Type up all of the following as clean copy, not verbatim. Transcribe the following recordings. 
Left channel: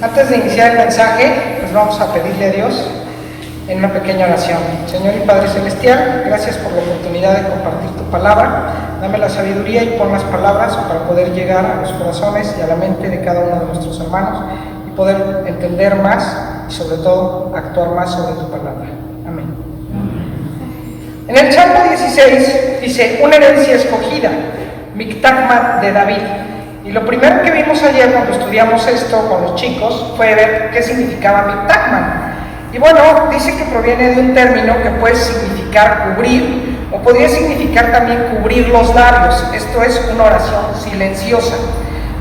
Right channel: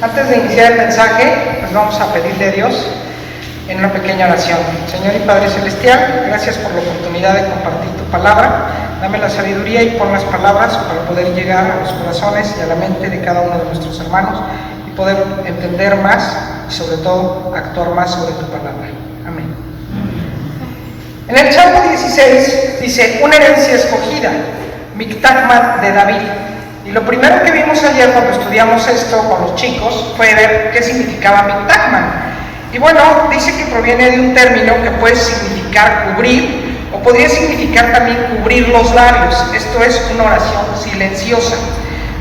Antes de iniciar el mensaje, pues vamos a pedirle a Dios en una pequeña oración. Señor y Padre Celestial, gracias por la oportunidad de compartir tu palabra. Dame la sabiduría y pon las palabras para poder llegar a los corazones y a la mente de cada uno de nuestros hermanos y poder entender más y sobre todo actuar más sobre tu palabra. Amén. En el Salmo 16 dice, una herencia escogida, Mictagmat de David. Y lo primero que vimos ayer cuando estudiamos esto con los chicos fue ver qué significaba Mictagmat. Y bueno, dice que proviene de un término que puede significar cubrir o podría significar también cubrir los labios. Esto es una oración silenciosa.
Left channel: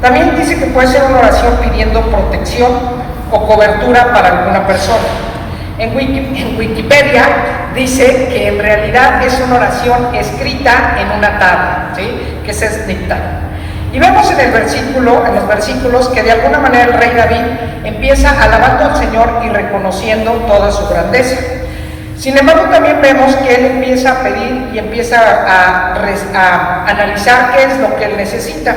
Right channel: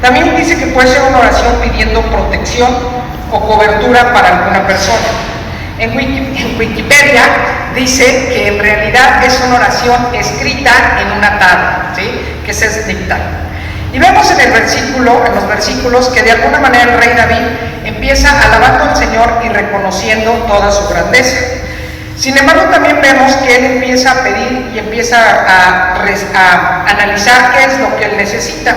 También dice que puede ser una oración pidiendo protección o cobertura para alguna persona. En Wikipedia dice que en realidad es una oración escrita en una tabla, ¿sí? Que es dictada. Y vemos en los versículos que de alguna manera el rey David empieza alabando al Señor y reconociendo toda su grandeza. Sin embargo, también vemos que él empieza a pedir y empieza a analizar qué es lo que él necesita.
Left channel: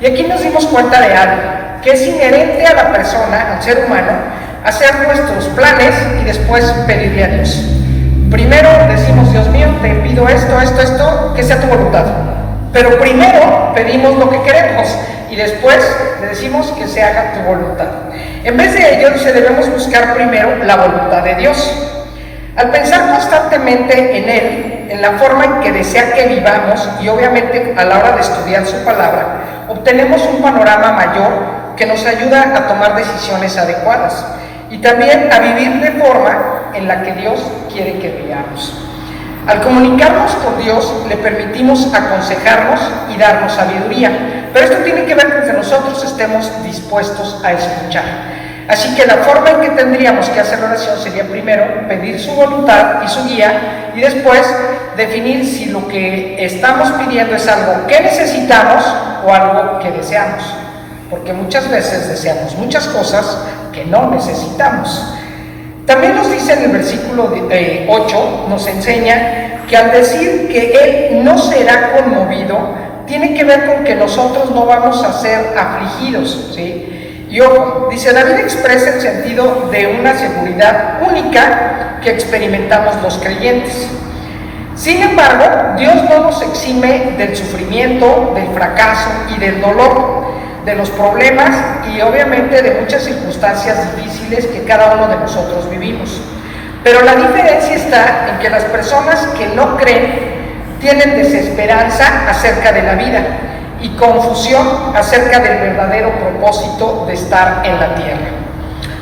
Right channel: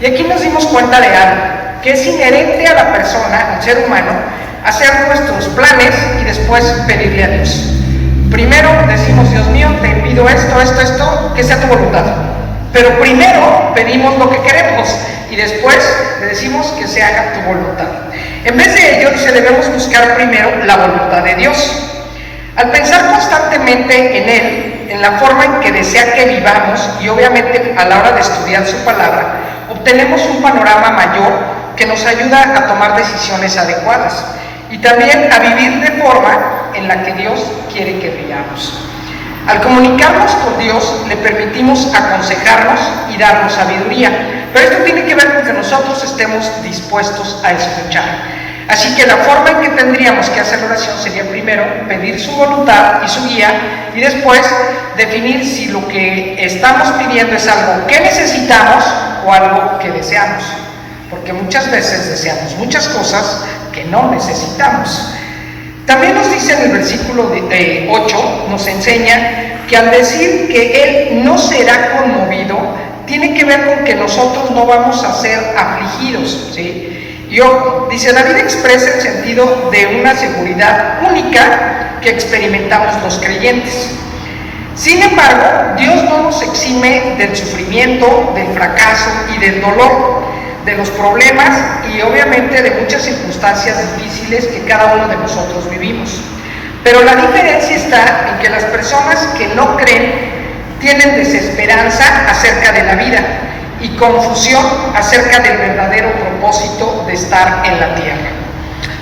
Y aquí nos dimos cuenta de algo, que es inherente a la persona, al ser humano, hacer nuestros planes y después pedirle a Dios. Primero decimos, Dios mío, te pido esto, que sea tu voluntad. Pero primero pedimos lo que queremos y después le decimos que se haga tu voluntad. En vez de ello, debemos buscar primero la voluntad de Dios. Al pensar constantemente en Él, en la forma en que desea que vivamos y obviamente a la hora de estudiar su palabra, obtenemos un panorama mayor que nos ayuda a tomar decisiones adecuadas y también a vivir de forma en la que Dios quiere que vivamos. Al comunicarnos con Dios, le permitimos aconsejarnos y darnos sabiduría, pero esto tiene que ver con que nosotros estemos dispuestos a escuchar. Así que la forma en que tendríamos que hacer la oración sería primero pedir su voluntad y su guía, y después definir si lo que estamos pidiendo es algo que necesitamos o algo que deseamos, porque muchas veces deseamos muchas cosas que no necesitamos. También nos dice en el versículo 8, nos enseña que al decir que Él no será conmovido, tiene que ver con que nosotros no vamos a ser afligidos, ¿sí? Y ojo, dice, David expresa el sentido de una seguridad única que experimentamos los creyentes. Sin embargo, Dios no nos exime del sufrimiento, del fracaso y del dolor, de los problemas y obviamente de muchas circunstancias difíciles que cada uno de nosotros vivimos. Pero la diferencia está en que las personas que no creen tienen desesperanza acerca de la vida y confusión acerca del verdadero propósito de estar en la tierra.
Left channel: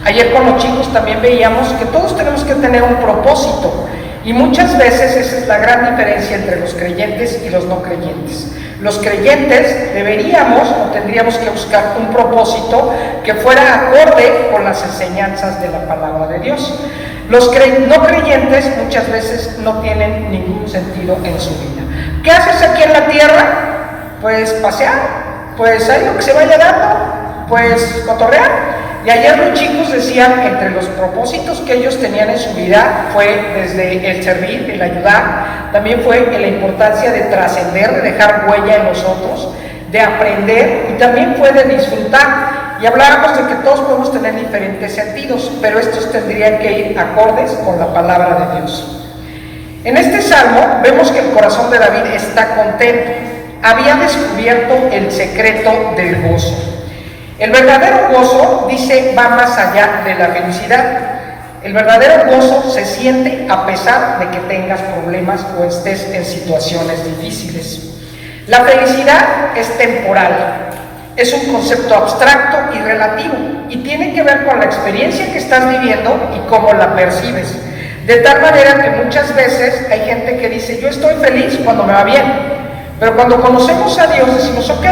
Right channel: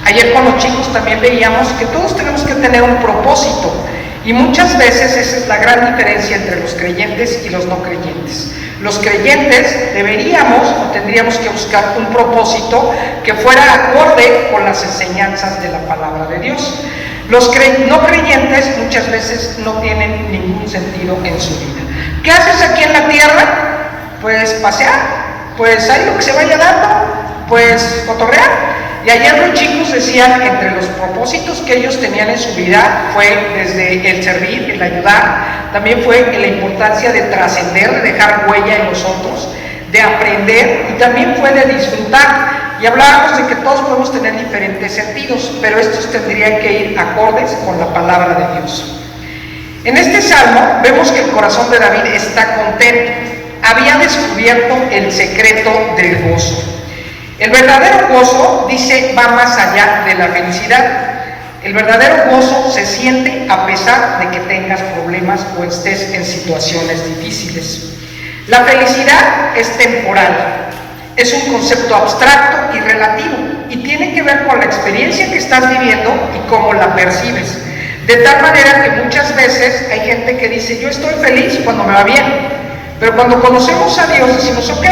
Ayer con los chicos también veíamos que todos tenemos que tener un propósito y muchas veces esa es la gran diferencia entre los creyentes y los no creyentes. Los creyentes deberíamos o tendríamos que buscar un propósito que fuera acorde con las enseñanzas de la palabra de Dios. Los no creyentes muchas veces no tienen ningún sentido en su vida. ¿Qué haces aquí en la tierra? Pues pasear, pues ahí lo que se vaya dando, pues cotorrear. Y ayer los chicos decían que entre los propósitos que ellos tenían en su vida fue desde el servir, el ayudar, también fue la importancia de trascender, de dejar huella en los otros, de aprender y también fue de disfrutar. Y hablábamos de que todos podemos tener diferentes sentidos, pero estos tendrían que ir acordes con la palabra de Dios. En este salmo vemos que el corazón de David está contento, había descubierto el secreto del gozo. El verdadero gozo, dice, va más allá de la felicidad. El verdadero gozo se siente a pesar de que tengas problemas o estés en situaciones difíciles. La felicidad es temporal, es un concepto abstracto y relativo y tiene que ver con la experiencia que estás viviendo y cómo la percibes. De tal manera que muchas veces hay gente que dice, yo estoy feliz cuando me va bien, pero cuando conocemos a Dios decimos, ok,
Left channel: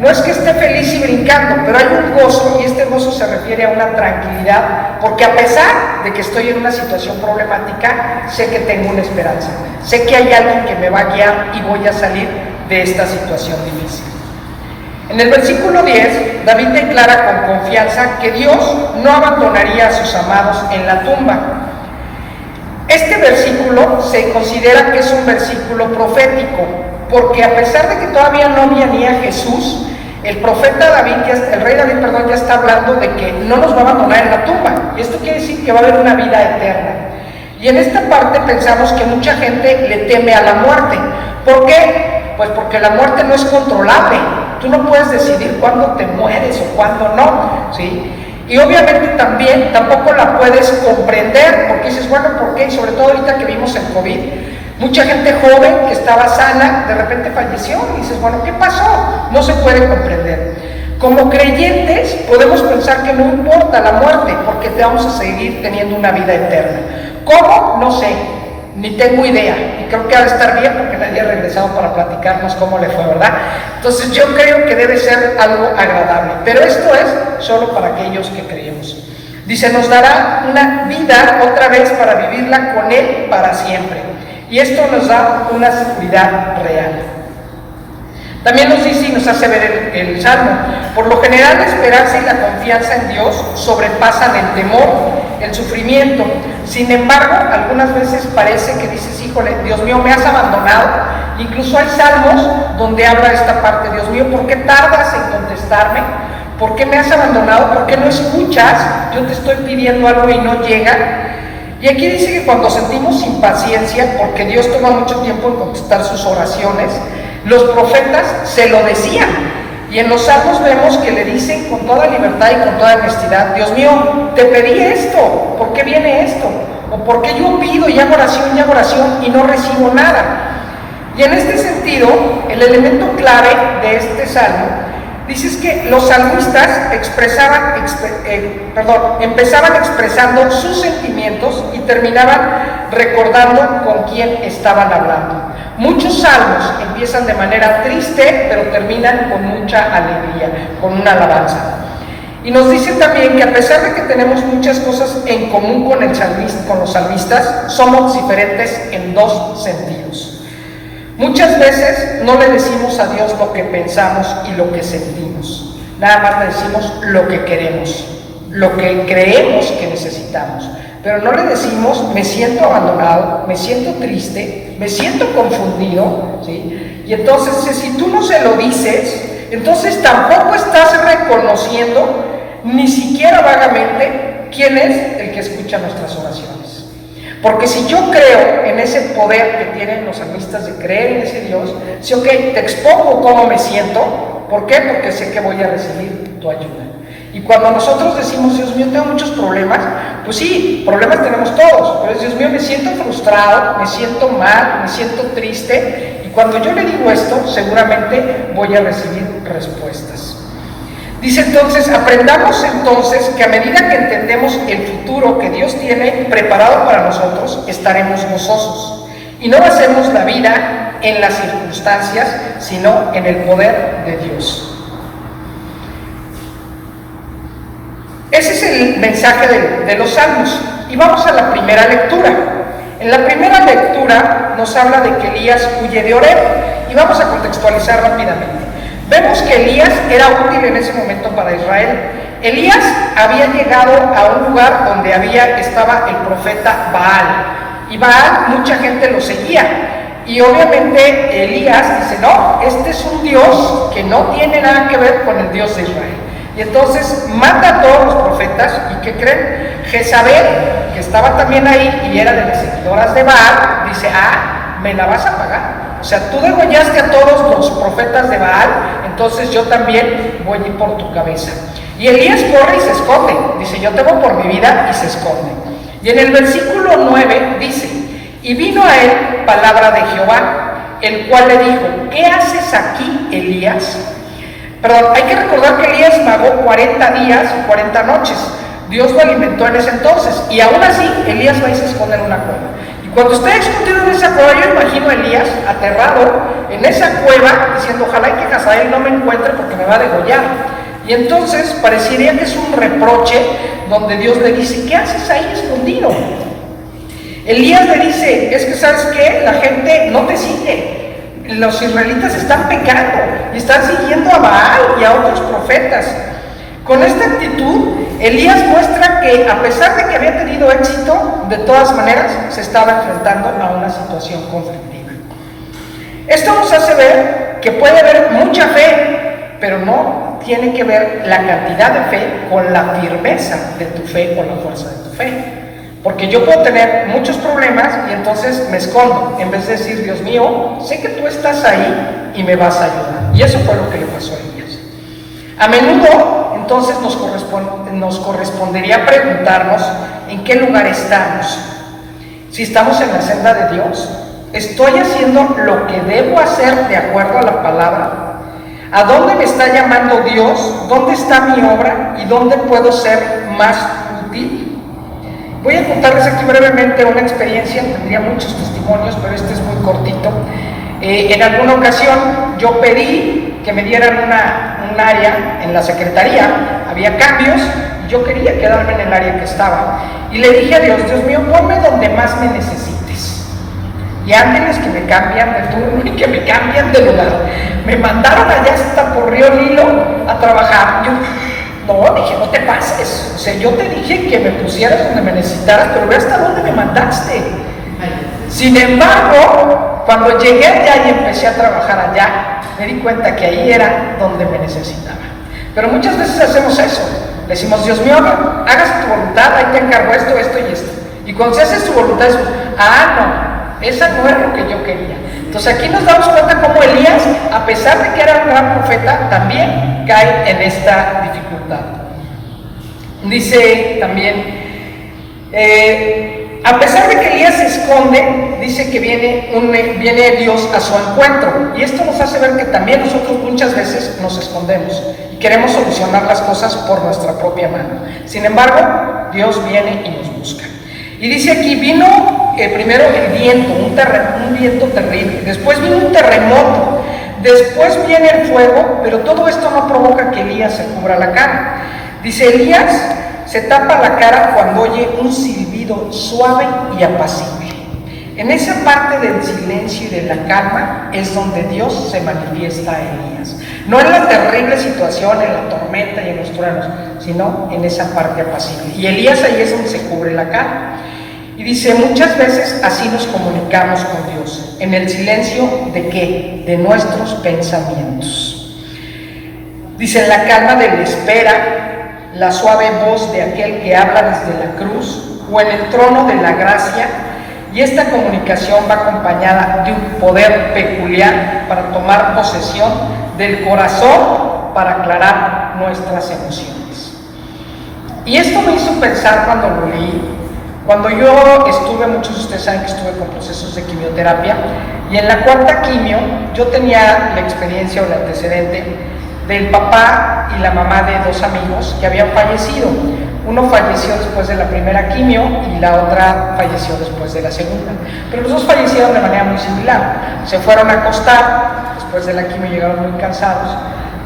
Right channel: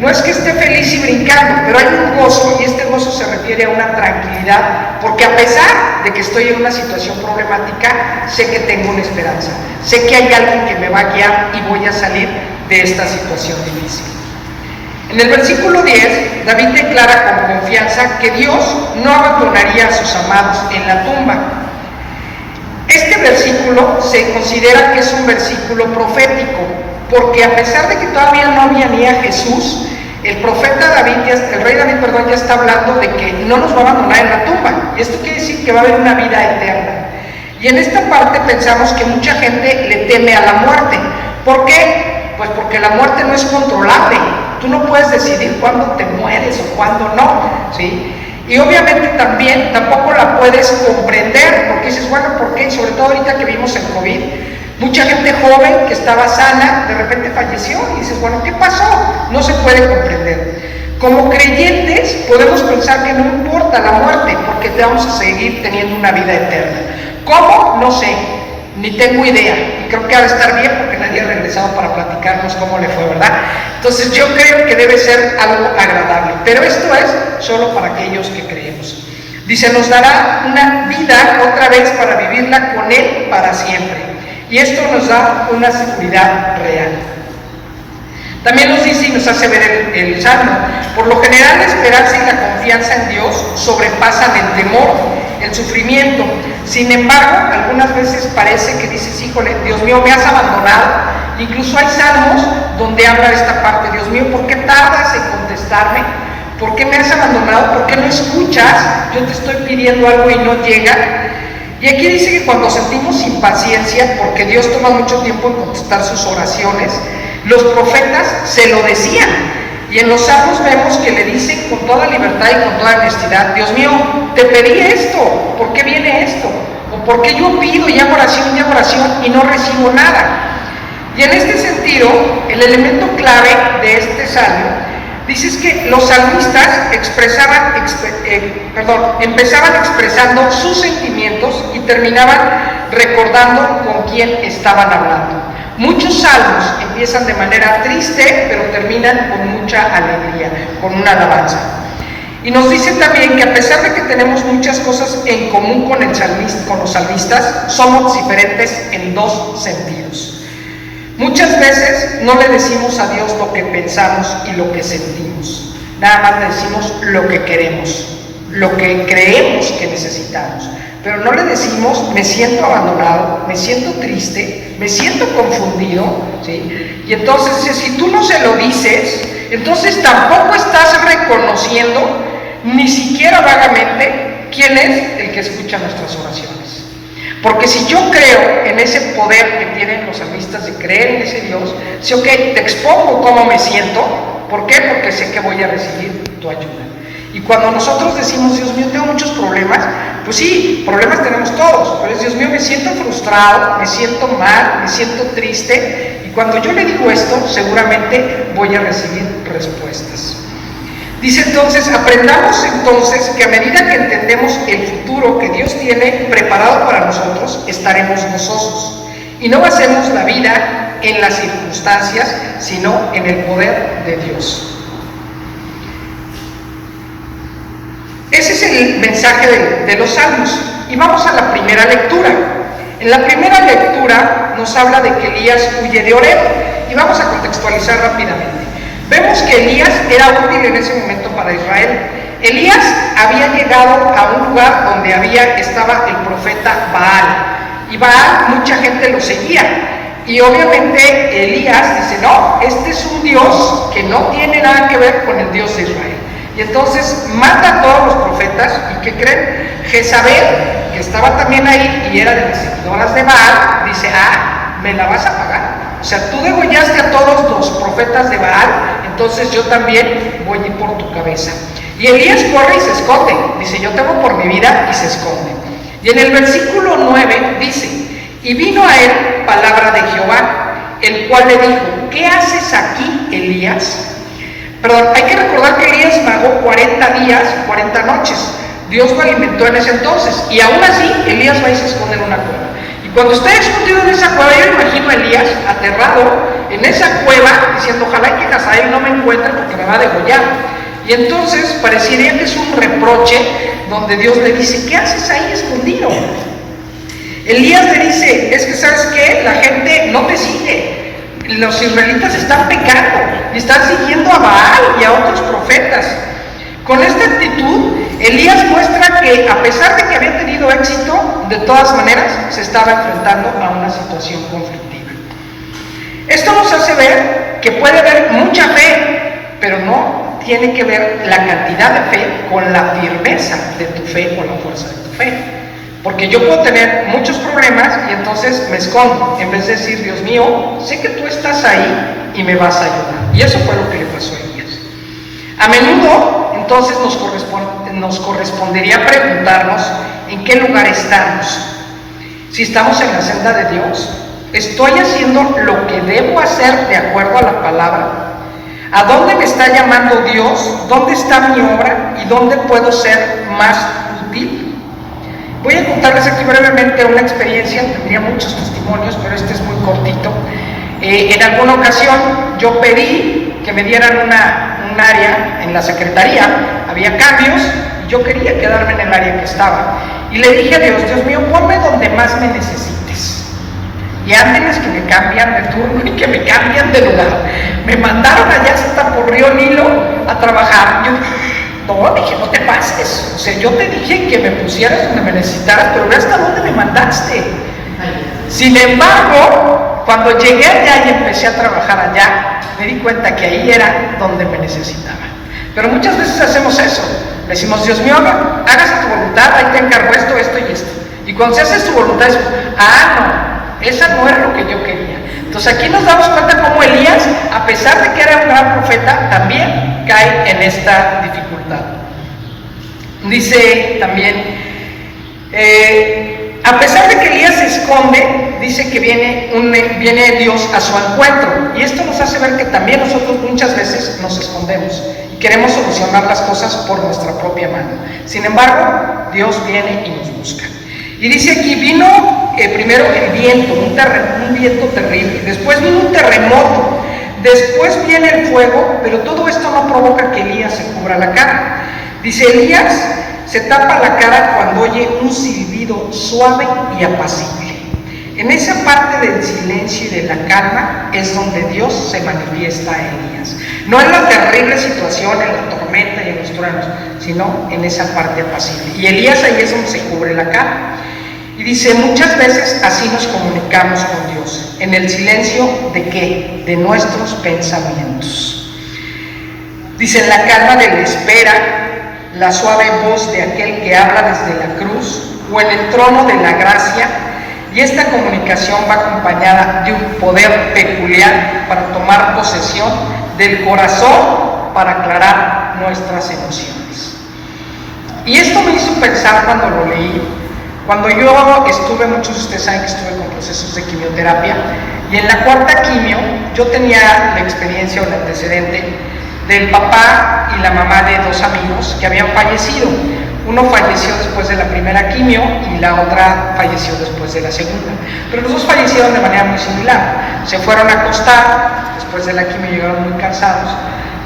no es que esté feliz y brincando, pero hay un gozo y este gozo se refiere a una tranquilidad, porque a pesar de que estoy en una situación problemática, sé que tengo una esperanza, sé que hay alguien que me va a guiar y voy a salir de esta situación difícil. En el versículo 10, David declara con confianza que Dios no abandonaría a sus amados en la tumba. Este versículo se considera que es un versículo profético, porque a pesar de que todavía no venía Jesús, el profeta David, el rey David, perdón, ya está hablando de que no nos va a abandonar en la tumba. Y esto quiere decir que va a haber una vida eterna. Y en esta parte pensamos que mucha gente le teme a la muerte. ¿Por qué? Pues porque la muerte no es controlable. Tú no puedes decidir cuándo te mueres o cuándo no, ¿sí? Y obviamente también tampoco la puedes comprender, porque dices, bueno, ¿por qué? Sobre todo ahorita que vimos el COVID, mucha gente joven que estaba sana, de repente falleció, y dices, bueno, ¿qué pasó? No se puede comprender. Como creyentes podemos pensar que no importa la muerte, porque te vamos a seguir teniendo una vida eterna. ¿Cómo? No sé, ni tengo idea. Y creo que ha de estar bien porque nadie ha regresado para platicarnos cómo le fue, ¿verdad? Entonces yo creo que debe ser algo agradable, pero esto es solo para aquellos que creemos. Dice, nos dará una vida otra vez para vivirla con Él para siempre. Y esto nos da una seguridad real. También nos dice y nos hace ver el Salmo, por lo general la esperanza y la confianza en Dios sobrepasan el temor, el sufrimiento. Sin embargo, algunas veces parece que dices, híjole, Dios mío, me has abandonado. Incluso hay salmos donde habla esta parte, Dios mío, ¿por qué tardas en contestarme? ¿Por qué me has abandonado? ¿Por qué no escuchas? Yo te estoy pidiendo algo y no llega. Y aquí dice que cuando sentimos impaciencia, porque Dios toma mucho tiempo en contestar sus oraciones, los profetas se lo decían. Y en los salmos vemos que le dicen con toda libertad y con toda honestidad, Dios mío, te pedí esto, ¿por qué viene esto? O ¿por qué yo pido y hago oración y no recibo nada? Y en este sentido, el elemento clave de este salmo, dice que los salmistas empezaban expresando sus sentimientos y terminaban recordando con quién estaban hablando. Muchos salmos empiezan de manera triste, pero terminan con mucha alegría, con una alabanza. Y nos dice también que a pesar de que tenemos muchas cosas en común con los salmistas, somos diferentes en dos sentidos. Muchas veces no le decimos a Dios lo que pensamos y lo que sentimos. Nada más le decimos lo que queremos, lo que creemos que necesitamos. Pero no le decimos, me siento abandonado, me siento triste, me siento confundido, ¿sí? Y entonces, si tú no se lo dices, entonces tampoco estás reconociendo, ni siquiera vagamente, quién es el que escucha nuestras oraciones. Porque si yo creo en ese poder que tienen los salmistas de creer en ese Dios, si ok, te expongo cómo me siento, ¿por qué? Porque sé que voy a recibir tu ayuda. Y cuando nosotros decimos, Dios mío, tengo muchos problemas, pues sí, problemas tenemos todos, pero es, Dios mío, me siento frustrado, me siento mal, me siento triste, y cuando yo le digo esto, seguramente voy a recibir respuestas. Dice entonces, aprendamos entonces que a medida que entendemos el futuro que Dios tiene preparado para nosotros, estaremos gozosos, y no basemos la vida en las circunstancias, sino en el poder de Dios. Ese es el mensaje de los salmos. Y vamos a la primera lectura. En la primera lectura nos habla de que Elías huye de Oreb. Y vamos a contextualizar rápidamente. Vemos que Elías era útil en ese momento para Israel. Elías había llegado a un lugar donde estaba el profeta Baal. Y Baal, mucha gente lo seguía. Y obviamente Elías dice, no, este es un Dios que no tiene nada que ver con el Dios de Israel. Y entonces mata a todos los profetas, ¿y qué creen? Jezabel, que estaba también ahí y era de las seguidoras de Baal, dice, me la vas a pagar. O sea, tú degollaste a todos los profetas de Baal, entonces yo también voy a ir por tu cabeza. Y Elías corre y se esconde, dice, yo temo por mi vida, y se esconde. Y en el versículo 9 dice, y vino a él palabra de Jehová, el cual le dijo, ¿qué haces aquí, Elías? Perdón, hay que recordar que Elías vagó 40 días, 40 noches. Dios lo alimentó en ese entonces. Y aún así, Elías va y se esconde en una cueva. Y cuando está escondido en esa cueva, yo imagino a Elías aterrado en esa cueva, diciendo, ojalá que Hazael no me encuentre porque me va a degollar. Y entonces parecería que es un reproche donde Dios le dice, ¿qué haces ahí escondido? Elías le dice, es que ¿sabes qué? La gente no te sigue. Los israelitas están pecando y están siguiendo a Baal y a otros profetas. Con esta actitud, Elías muestra que a pesar de que había tenido éxito, de todas maneras se estaba enfrentando a una situación conflictiva. Esto nos hace ver que puede haber mucha fe, pero no tiene que ver la cantidad de fe con la firmeza de tu fe o la fuerza de tu fe. Porque yo puedo tener muchos problemas y entonces me escondo, en vez de decir, Dios mío, sé que tú estás ahí y me vas a ayudar. Y eso fue lo que le pasó a Elías. A menudo, entonces, nos correspondería preguntarnos en qué lugar estamos. Si estamos en la senda de Dios, ¿estoy haciendo lo que debo hacer de acuerdo a la palabra? ¿A dónde me está llamando Dios? ¿Dónde está mi obra? ¿Y dónde puedo ser más útil? Voy a contarles aquí brevemente una experiencia, tendría muchos testimonios, pero este es muy cortito. En alguna ocasión yo pedí que me dieran un área en la secretaría, había cambios y yo quería quedarme en el área que estaba. Y le dije a Dios, Dios mío, ponme donde más me necesites. Y ángeles que me cambian de turno y que me cambian de lugar. Me mandaron allá hasta por Río Nilo a trabajar. Yo dije, no te pases. O sea, yo te dije que me pusieras donde me necesitaras, pero ve hasta dónde me mandaste. Sin embargo, cuando llegué allá y empecé a trabajar allá, me di cuenta que ahí era donde me necesitaba. Pero muchas veces hacemos eso. Decimos, Dios mío, hágase tu voluntad, ahí te encargo esto, esto y esto. Y cuando se hace su voluntad, es, no, esa no era lo que yo quería. Entonces aquí nos damos cuenta cómo Elías, a pesar de que era un gran profeta, también cae en esta dificultad. Dice también, a pesar de que Elías se esconde, dice que viene Dios a su encuentro. Y esto nos hace ver que también nosotros muchas veces nos escondemos y queremos solucionar las cosas por nuestra propia mano. Sin embargo, Dios viene y nos busca. Y dice aquí, vino primero el viento, un viento terrible. Después vino un terremoto. Después viene el fuego, pero todo esto no provoca que Elías se cubra la cara. Dice, Elías se tapa la cara cuando oye un silbido suave y apacible. En esa parte del silencio y de la calma es donde Dios se manifiesta a Elías. No en la terrible situación, en la tormenta y en los truenos, sino en esa parte apacible. Y Elías ahí es donde se cubre la cara. Y dice, muchas veces así nos comunicamos con Dios, en el silencio ¿de qué? De nuestros pensamientos. Dice, en la calma de la espera, la suave voz de aquel que habla desde la cruz, o en el trono de la gracia, y esta comunicación va acompañada de un poder peculiar para tomar posesión del corazón para aclarar nuestras emociones. Y esto me hizo pensar cuando lo leí. Cuando yo estuve, muchos de ustedes saben que estuve con procesos de quimioterapia, y en la cuarta quimio yo tenía la experiencia o el antecedente del papá y la mamá de dos amigos que habían fallecido. Uno falleció después de la primera quimio y la otra falleció después de la segunda. Pero los dos fallecieron de manera muy similar. Se fueron a acostar, después de la quimio llegaron muy cansados,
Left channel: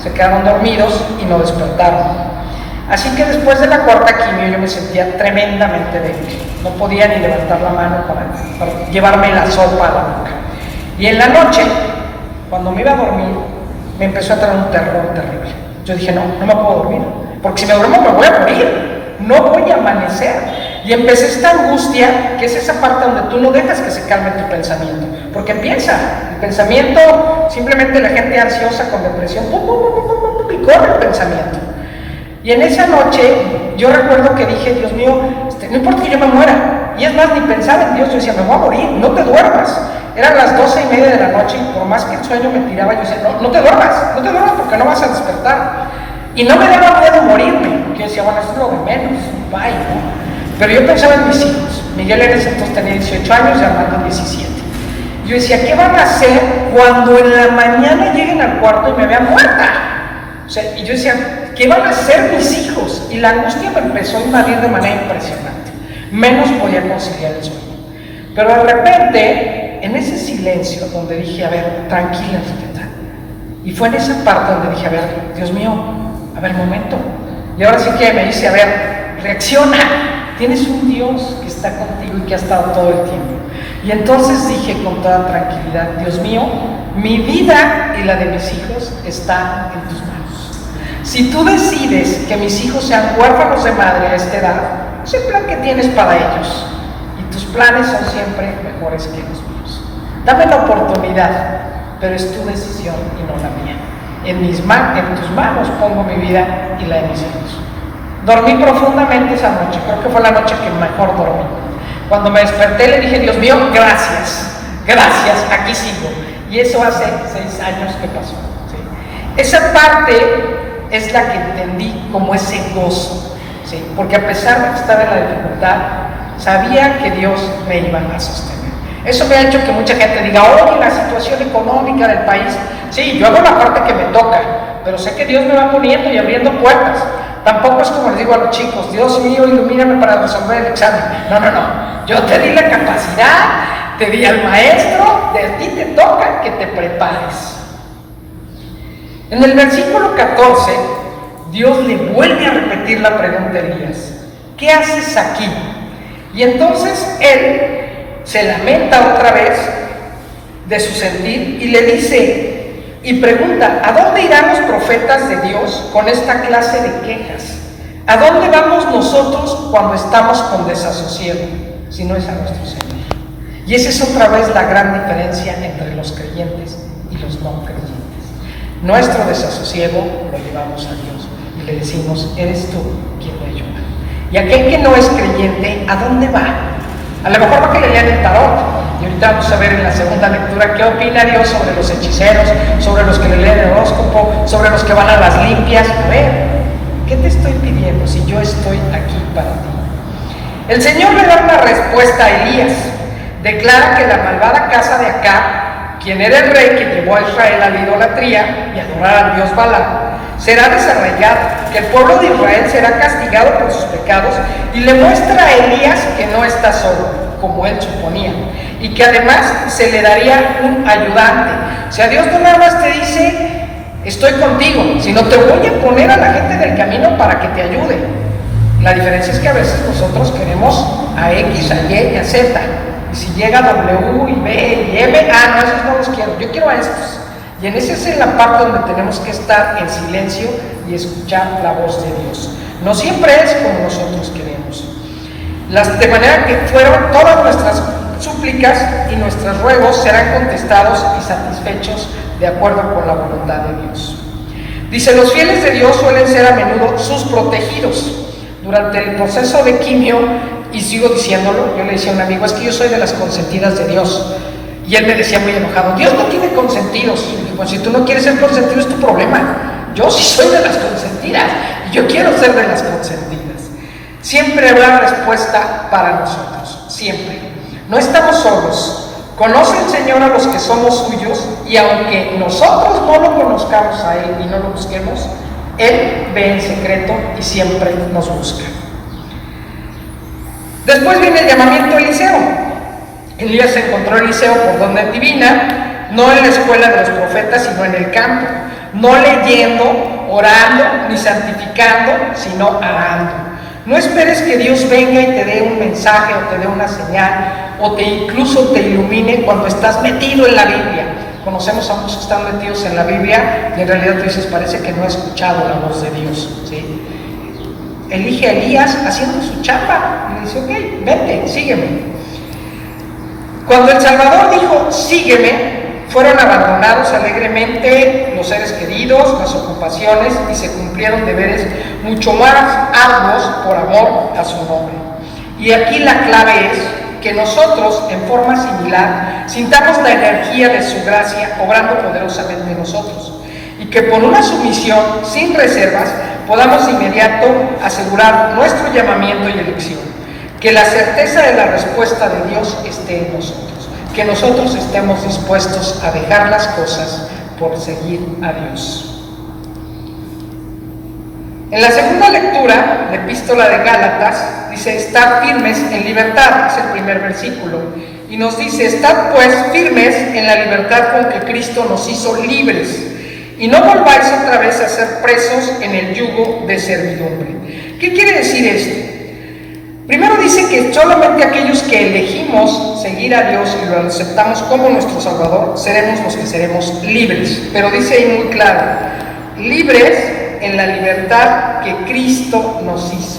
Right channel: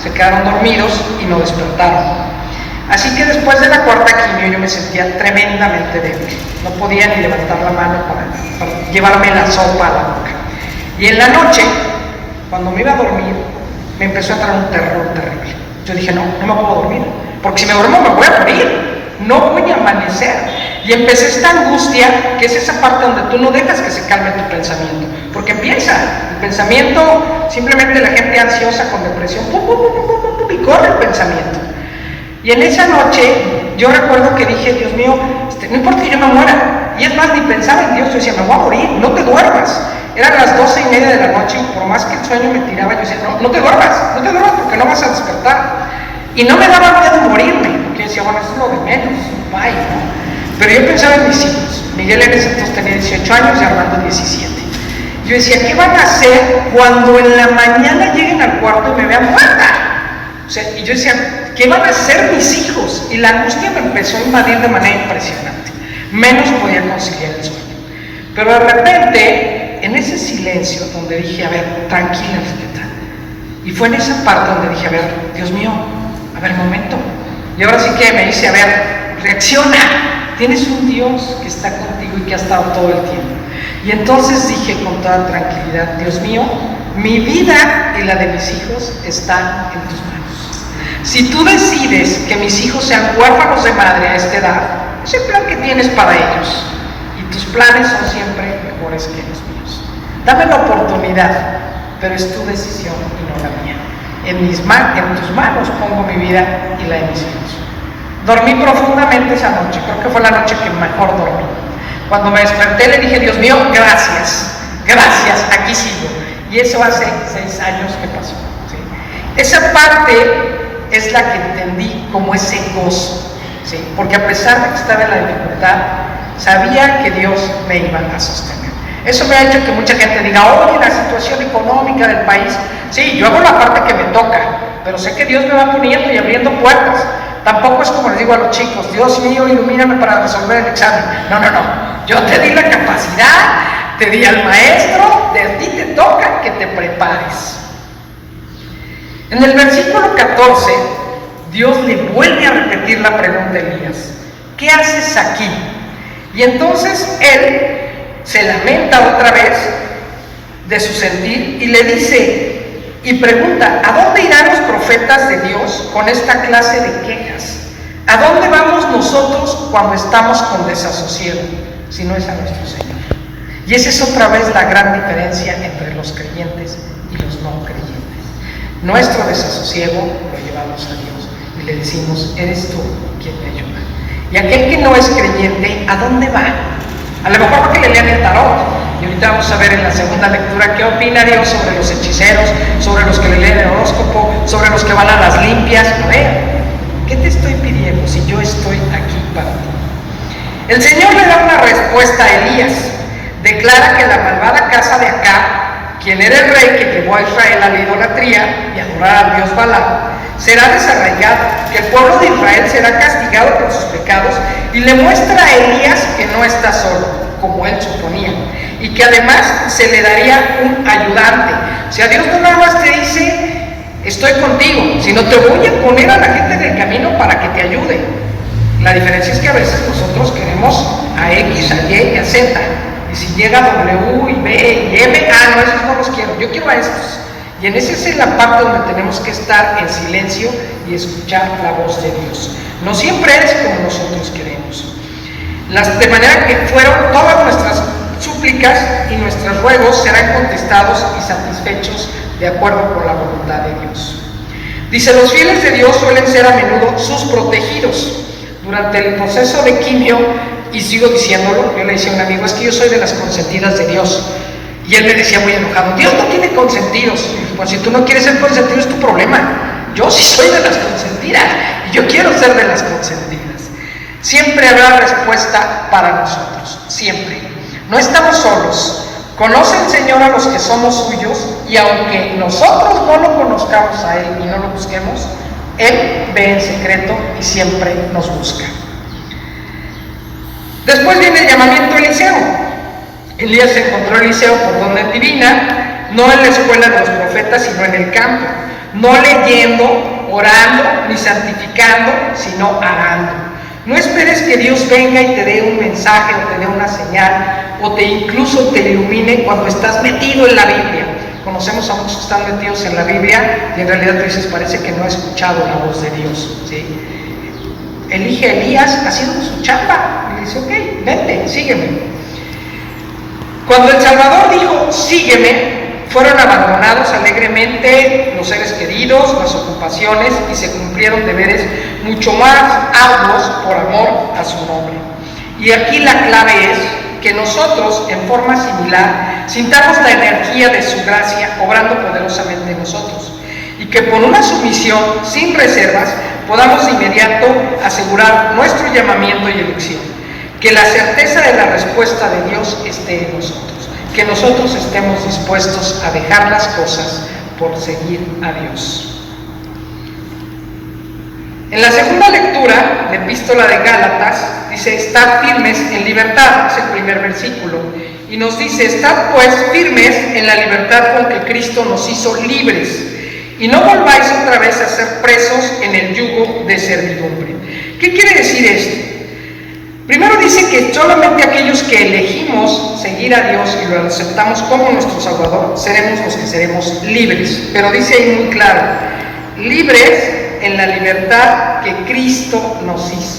se quedaron dormidos y no despertaron. Así que después de la cuarta quimio yo me sentía tremendamente débil. No podía ni levantar la mano para llevarme la sopa a la boca. Y en la noche, cuando me iba a dormir, me empezó a entrar un terror terrible. Yo dije, no me puedo dormir, porque si me duermo me voy a morir, no voy a amanecer. Y empecé esta angustia, que es esa parte donde tú no dejas que se calme tu pensamiento, porque empieza, el pensamiento, simplemente la gente ansiosa con depresión, y corre el pensamiento. Y en esa noche, yo recuerdo que dije, Dios mío, no importa que yo me muera, y es más, ni pensaba en Dios, yo decía, me voy a morir, no te duermas. Eran las 12:30 de la noche, y por más que el sueño me tiraba, yo decía, no te duermas porque no vas a despertar. Y no me daba miedo morirme, porque yo decía, bueno, eso es lo de menos, bye, ¿no? Pero yo pensaba en mis hijos. Miguel en ese entonces tenía 18 años y Armando 17. Yo decía, ¿qué van a hacer cuando en la mañana lleguen al cuarto y me vean muerta? O sea, y yo decía, ¿qué van a hacer mis hijos? Y la angustia me empezó a invadir de manera impresionante. Menos podía conciliar el sueño. Pero de repente, en ese silencio donde dije, a ver, tranquila, Rita. Y fue en esa parte donde dije, a ver, Dios mío, a ver, momento. Y ahora sí que me dice, a ver, reacciona. Tienes un Dios que está contigo y que ha estado todo el tiempo. Y entonces dije con toda tranquilidad, Dios mío, mi vida y la de mis hijos están en tus manos. Si tú decides que mis hijos sean huérfanos de madre a esta edad, es el plan que tienes para ellos. Y tus planes son siempre mejores que los míos. Dame la oportunidad, pero es tu decisión y no la mía. En tus manos pongo mi vida y la de mis hijos. Dormí profundamente esa noche, creo que fue la noche que mejor dormí. Cuando me desperté le dije, Dios mío, gracias, aquí sigo. Y eso hace 6 años que pasó, ¿sí? Esa parte es la que entendí como ese gozo, ¿sí? Porque a pesar de que estaba en la dificultad, sabía que Dios me iba a sostener. Eso me ha hecho que mucha gente diga, oye, la situación económica del país, sí, yo hago la parte que me toca, pero sé que Dios me va poniendo y abriendo puertas. Tampoco es como les digo a los chicos, Dios mío, ilumíname para resolver el examen. No, yo te di la capacidad, te di al maestro, de ti te toca que te prepares. En el versículo 14, Dios le vuelve a repetir la pregunta a Elías, ¿qué haces aquí? Y entonces él se lamenta otra vez de su sentir y le dice y pregunta, ¿a dónde irán los profetas de Dios con esta clase de quejas? ¿A dónde vamos nosotros cuando estamos con desasosiego? Si no es a nuestro Señor. Y esa es otra vez la gran diferencia entre los creyentes y los no creyentes. Nuestro desasosiego lo llevamos a Dios y le decimos, eres tú quien me ayuda. Y aquel que no es creyente, ¿a dónde va? A lo mejor va que le lean el tarot. Y ahorita vamos a ver en la segunda lectura qué opina Dios sobre los hechiceros, sobre los que le leen el horóscopo, sobre los que van a las limpias. A ver, ¿qué te estoy pidiendo si yo estoy aquí para ti? El Señor le da una respuesta a Elías. Declara que la malvada casa de Acab, quien era el rey que llevó a Israel a la idolatría y a adorar al dios Balaam, será desarraigada, que el pueblo de Israel será castigado por sus pecados, y le muestra a Elías que no está solo, como él suponía, y que además se le daría un ayudante. O sea, Dios no nada más te dice, estoy contigo, sino te voy a poner a la gente del camino para que te ayude. La diferencia es que a veces nosotros queremos a X, a Y y a Z, y si llega W y B y M, no, esos no los quiero, yo quiero a estos. Y en esa es la parte donde tenemos que estar en silencio y escuchar la voz de Dios. No siempre es como nosotros queremos. De manera que fueron todas nuestras súplicas y nuestros ruegos serán contestados y satisfechos de acuerdo con la voluntad de Dios. Dice, los fieles de Dios suelen ser a menudo sus protegidos. Durante el proceso de quimio, y sigo diciéndolo, yo le decía a un amigo, es que yo soy de las consentidas de Dios. Y él me decía muy enojado, Dios no tiene consentidos. Pues si tú no quieres ser consentido es tu problema. Yo sí soy de las consentidas y yo quiero ser de las consentidas. Siempre habrá respuesta para nosotros, siempre. No estamos solos. Conoce el Señor a los que somos suyos, y aunque nosotros no lo conozcamos a Él y no lo busquemos, Él ve en secreto y siempre nos busca. Después viene el llamamiento a Eliseo. Elías encontró a Eliseo por donde divina, no en la escuela de los profetas, sino en el campo, no leyendo, orando, ni santificando, sino arando. No esperes que Dios venga y te dé un mensaje o te dé una señal o incluso te ilumine cuando estás metido en la Biblia. Conocemos a muchos que están metidos en la Biblia y en realidad tú dices, parece que no ha escuchado la voz de Dios, ¿sí? Elige a Elías haciendo su chamba y le dice, ok, vete, sígueme. Cuando el Salvador dijo, sígueme, fueron abandonados alegremente los seres queridos, las ocupaciones, y se cumplieron deberes mucho más arduos por amor a su nombre. Y aquí la clave es que nosotros, en forma similar, sintamos la energía de su gracia obrando poderosamente en nosotros, y que por una sumisión sin reservas podamos de inmediato asegurar nuestro llamamiento y elección. Que la certeza de la respuesta de Dios esté en nosotros, que nosotros estemos dispuestos a dejar las cosas por seguir a Dios. En la segunda lectura, la epístola de Gálatas, dice, estad firmes en libertad, es el primer versículo, y nos dice, estad pues firmes en la libertad con que Cristo nos hizo libres, y no volváis otra vez a ser presos en el yugo de servidumbre. ¿Qué quiere decir esto? Primero dice que solamente aquellos que elegimos seguir a Dios y lo aceptamos como nuestro Salvador, seremos los que seremos libres. Pero dice ahí muy claro, libres en la libertad que Cristo nos hizo.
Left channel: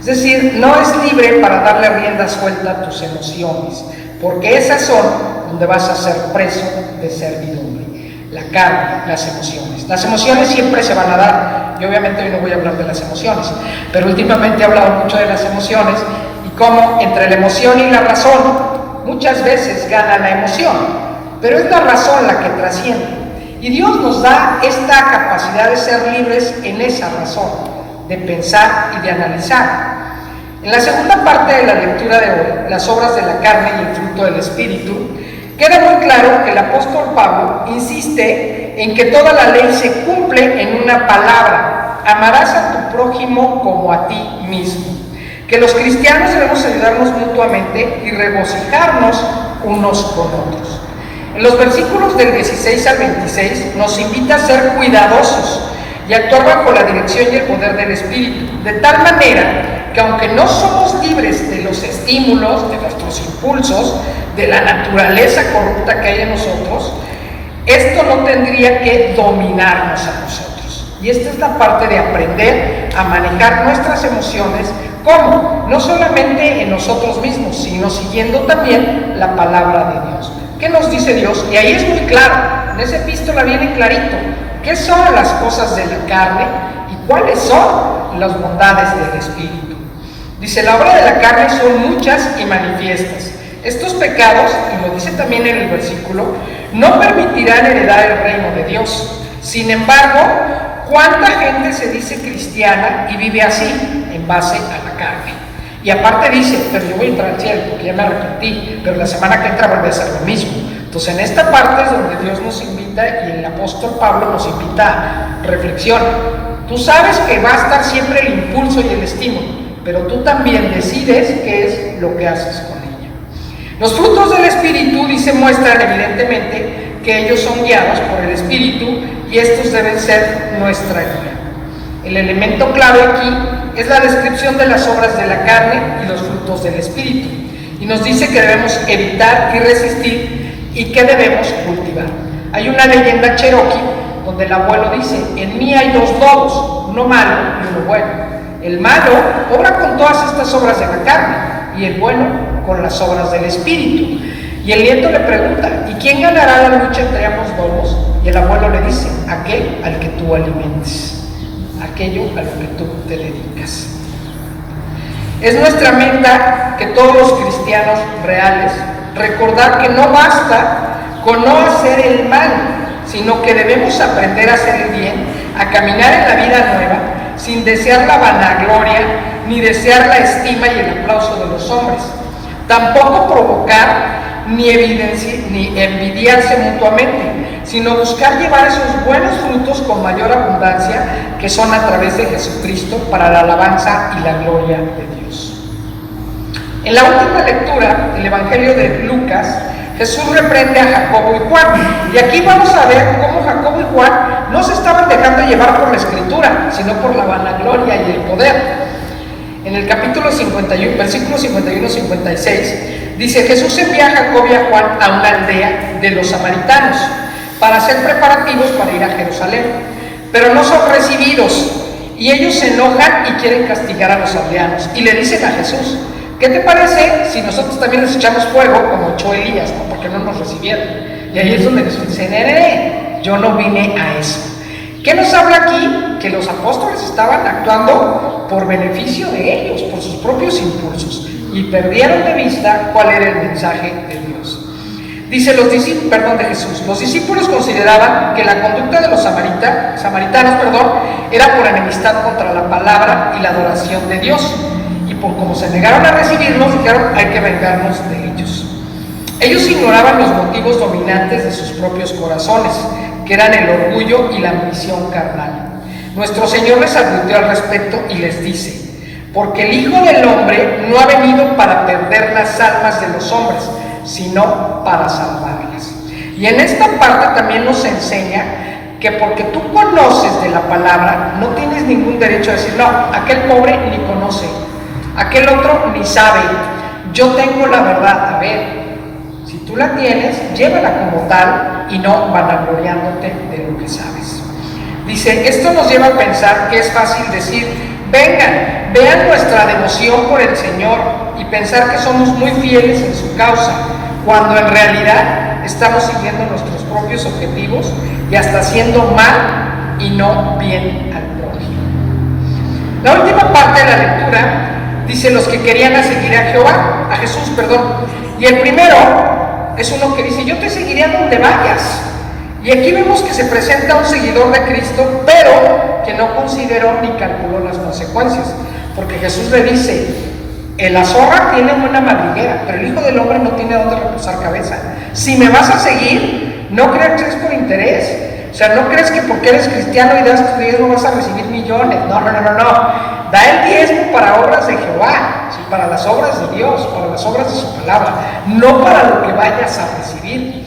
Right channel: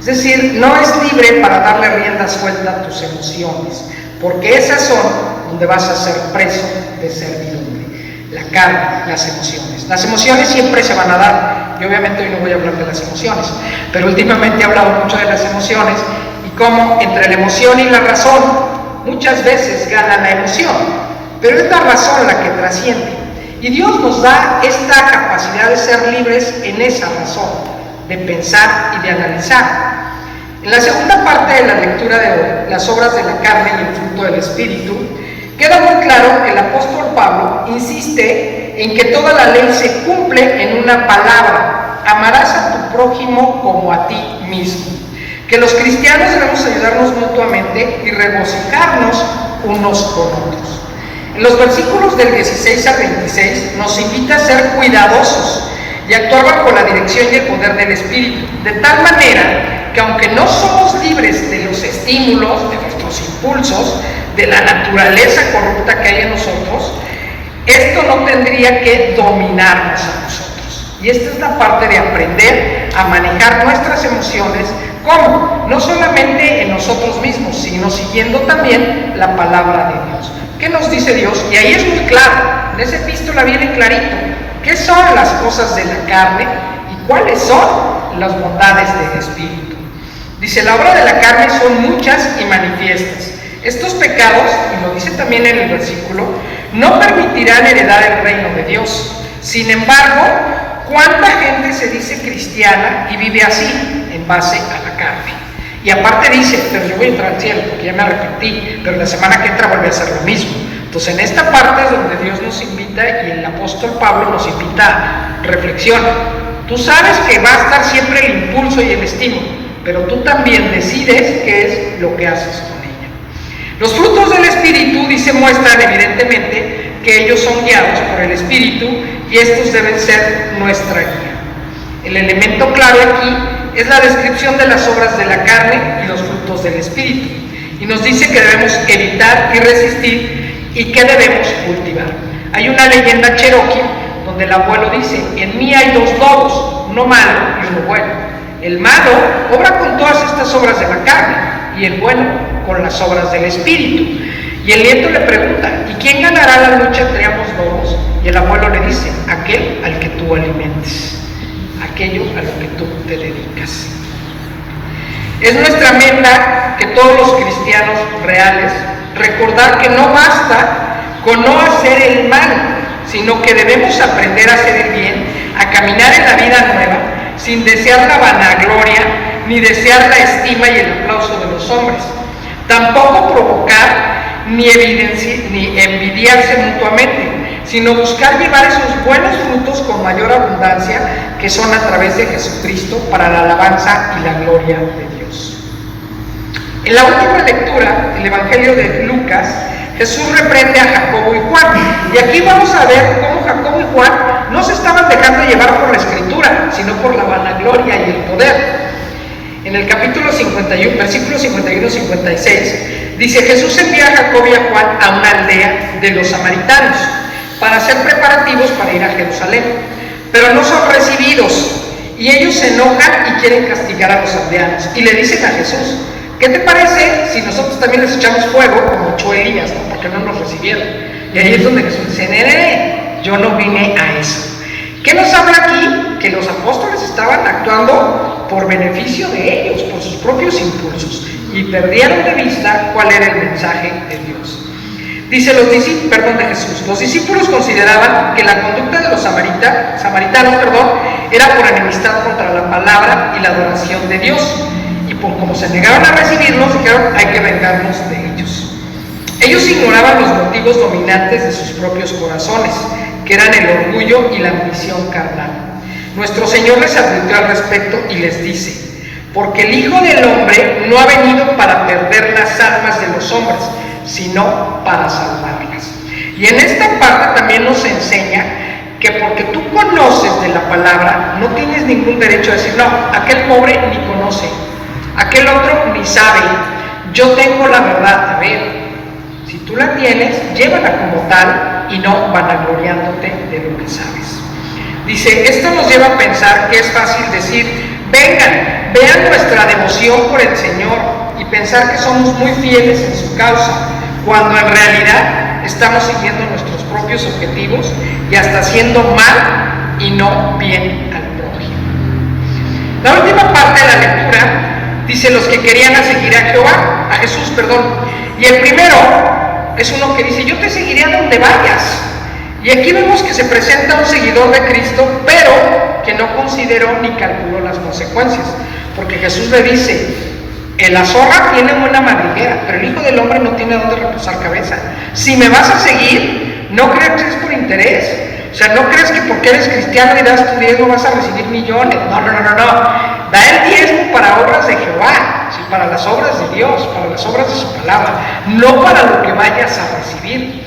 Es decir, no es libre para darle rienda suelta a tus emociones, porque esas son donde vas a ser preso de servidumbre. la carne, las emociones. Las emociones siempre se van a dar, y obviamente hoy no voy a hablar de las emociones, pero últimamente he hablado mucho de las emociones y cómo entre la emoción y la razón muchas veces gana la emoción, pero es la razón la que trasciende. Y Dios nos da esta capacidad de ser libres en esa razón, de pensar y de analizar. En la segunda parte de la lectura de hoy, las obras de la carne y el fruto del Espíritu, queda muy claro que el apóstol Pablo insiste en que toda la ley se cumple en una palabra: amarás a tu prójimo como a ti mismo. Que los cristianos debemos ayudarnos mutuamente y regocijarnos unos con otros. En los versículos del 16 al 26 nos invita a ser cuidadosos y actuar bajo la dirección y el poder del Espíritu, de tal manera que aunque no somos libres de los estímulos, de nuestros impulsos, de la naturaleza corrupta que hay en nosotros, esto no tendría que dominarnos a nosotros. Y esta es la parte de aprender a manejar nuestras emociones. ¿Cómo? No solamente en nosotros mismos, sino siguiendo también la palabra de Dios. ¿Qué nos dice Dios? Y ahí es muy claro, en esa epístola viene clarito, ¿qué son las cosas de la carne y cuáles son las bondades del Espíritu? Dice, la obra de la carne son muchas y manifiestas. Estos pecados, y lo dice también en el versículo, no permitirán heredar el reino de Dios. Sin embargo, ¿cuánta gente se dice cristiana y vive así, en base a la carne? Y aparte dice, pero yo voy a entrar al cielo porque ya me arrepentí, pero la semana que entra vuelve a hacer lo mismo. Entonces en esta parte es donde Dios nos invita y el apóstol Pablo nos invita a reflexión. Tú sabes que va a estar siempre el impulso y el estímulo, pero tú también decides qué es lo que haces con ella. Los frutos del Espíritu, dice, muestran evidentemente que ellos son guiados por el Espíritu y estos deben ser nuestra guía. El elemento clave aquí es la descripción de las obras de la carne y los frutos del Espíritu. Y nos dice que debemos evitar y resistir y que debemos cultivar. Hay una leyenda cherokee donde el abuelo dice, en mí hay dos lobos, uno malo y uno bueno. El malo obra con todas estas obras de la carne y el bueno con las obras del Espíritu. Y el nieto le pregunta, ¿y quién ganará la lucha entre ambos lobos? Y el abuelo le dice, aquel al que tú alimentes, aquello a lo que tú te dedicas. Es nuestra meta que todos los cristianos reales recordar que no basta con no hacer el mal, sino que debemos aprender a hacer el bien, a caminar en la vida nueva, sin desear la vanagloria, ni desear la estima y el aplauso de los hombres. Tampoco provocar ni envidiarse mutuamente, sino buscar llevar esos buenos frutos con mayor abundancia que son a través de Jesucristo para la alabanza y la gloria de Dios. En la última lectura del Evangelio de Lucas, Jesús reprende a Jacobo y Juan, y aquí vamos a ver cómo Jacobo y Juan no se estaban dejando llevar por la Escritura, sino por la vanagloria y el poder. En el capítulo 51, versículos 51-56, dice, Jesús envía a Jacobo y a Juan a una aldea de los samaritanos para hacer preparativos para ir a Jerusalén, pero no son recibidos, y ellos se enojan y quieren castigar a los aldeanos, y le dicen a Jesús, ¿qué te parece si nosotros también les echamos fuego como echó Elías, ¿no? Porque no nos recibieron? Y ahí es donde Jesús dice, nene, yo no vine a eso. ¿Qué nos habla aquí? Que los apóstoles estaban actuando por beneficio de ellos, por sus propios impulsos, y perdieron de vista cuál era el mensaje de Dios. Dice de Jesús, los discípulos consideraban que la conducta de los samaritanos, era por enemistad contra la palabra y la adoración de Dios, y por como se negaron a recibirnos, dijeron, hay que vengarnos de ellos. Ellos ignoraban los motivos dominantes de sus propios corazones, que eran el orgullo y la ambición carnal. Nuestro Señor les advirtió al respecto y les dice, porque el Hijo del Hombre no ha venido para perder las almas de los hombres, sino para salvarlas. Y en esta parte también nos enseña que porque tú conoces de la palabra, no tienes ningún derecho a decir, no, aquel pobre ni conoce, aquel otro ni sabe, yo tengo la verdad. A ver, si tú la tienes, llévala como tal y no vanagloriándote de lo que sabes. Dice, esto nos lleva a pensar que es fácil decir, vengan, vean nuestra devoción por el Señor y pensar que somos muy fieles en su causa, cuando en realidad estamos siguiendo nuestros propios objetivos y hasta haciendo mal y no bien al prójimo. La última parte de la lectura dice los que querían seguir a Jesús, y el primero es uno que dice: yo te seguiré a donde vayas. Y aquí vemos que se presenta un seguidor de Cristo, pero que no consideró ni calculó las consecuencias, porque Jesús le dice: la zorra tiene buena madriguera, pero el Hijo del Hombre no tiene dónde reposar cabeza. Si me vas a seguir, no creas que es por interés. O sea, no crees que porque eres cristiano y das tu diezmo vas a recibir millones. No. Da el diezmo para obras de Jehová, ¿sí? Para las obras de Dios, para las obras de su palabra, no para lo que vayas a recibir.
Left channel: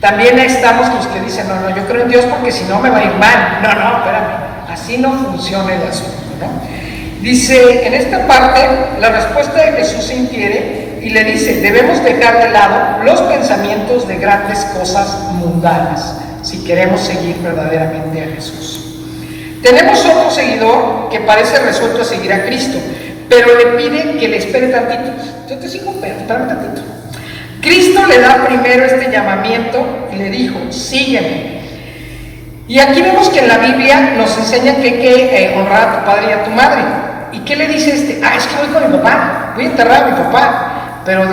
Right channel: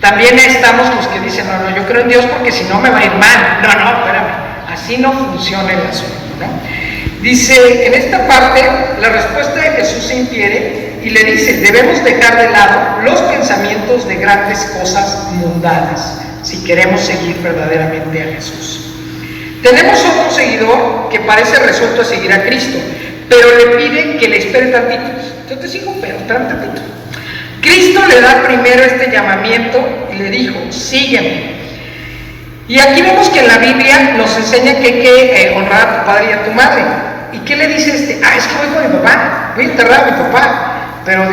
También estamos los que dicen: no, yo creo en Dios porque si no me va a ir mal. No, espérame, así no funciona el asunto, ¿no? Dice, en esta parte, la respuesta de Jesús se infiere y le dice: debemos dejar de lado los pensamientos de grandes cosas mundanas si queremos seguir verdaderamente a Jesús. Tenemos otro seguidor que parece resuelto a seguir a Cristo, pero le pide que le espere tantito. Yo te sigo, pero espera tantito. Cristo le da primero este llamamiento y le dijo: sígueme. Y aquí vemos que en la Biblia nos enseña que hay que honrar a tu padre y a tu madre. ¿Y qué le dice este? Es que voy con mi papá, voy a enterrar a mi papá. Pero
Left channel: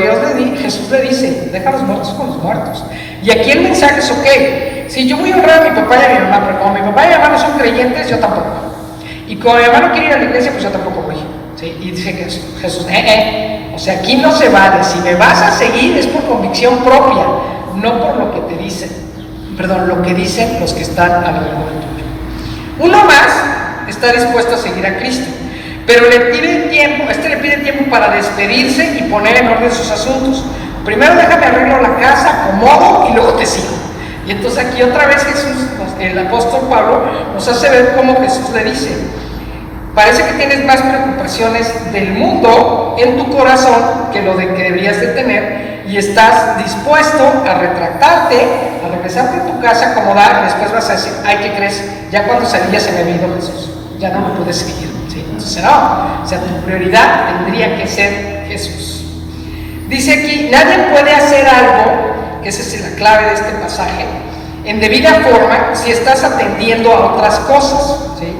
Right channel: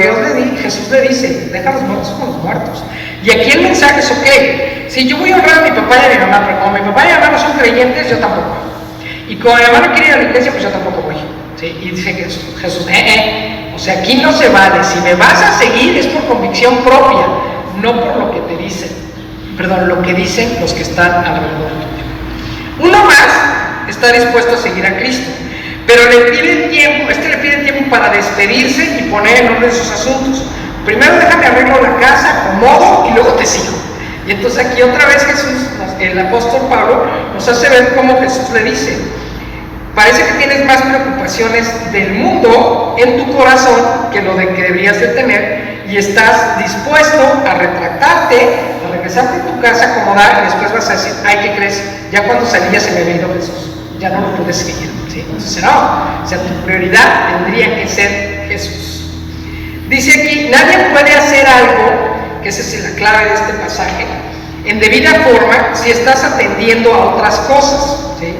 Jesús le dice: deja a los muertos con los muertos. Y aquí el mensaje es: ok, si yo voy a honrar a mi papá y a mi mamá, pero como mi papá y mi mamá no son creyentes, yo tampoco. Y como mi mamá no quiere ir a la iglesia, pues yo tampoco voy. ¿Sí? Y dice Jesús, o sea, aquí no se vale. Si me vas a seguir es por convicción propia, no por lo que te dicen. Lo que dicen los que están alrededor tuyo. Uno más está dispuesto a seguir a Cristo, pero le pide tiempo para despedirse y poner en orden sus asuntos. Primero déjame arreglo la casa, acomodo y luego te sigo. Y entonces aquí otra vez el apóstol Pablo nos hace ver cómo Jesús le dice: parece que tienes más preocupaciones del mundo en tu corazón que lo de que deberías de tener, y estás dispuesto a retractarte, a regresarte a tu casa, acomodar, y después vas a decir: ay, ¿qué crees? Ya cuando salía se me había ido Jesús, ya no lo pude seguir. ¿Sí? Entonces tu prioridad tendría que ser Jesús. Dice aquí: nadie puede hacer algo, que esa es la clave de este pasaje, en debida forma si estás atendiendo a otras cosas. ¿Sí?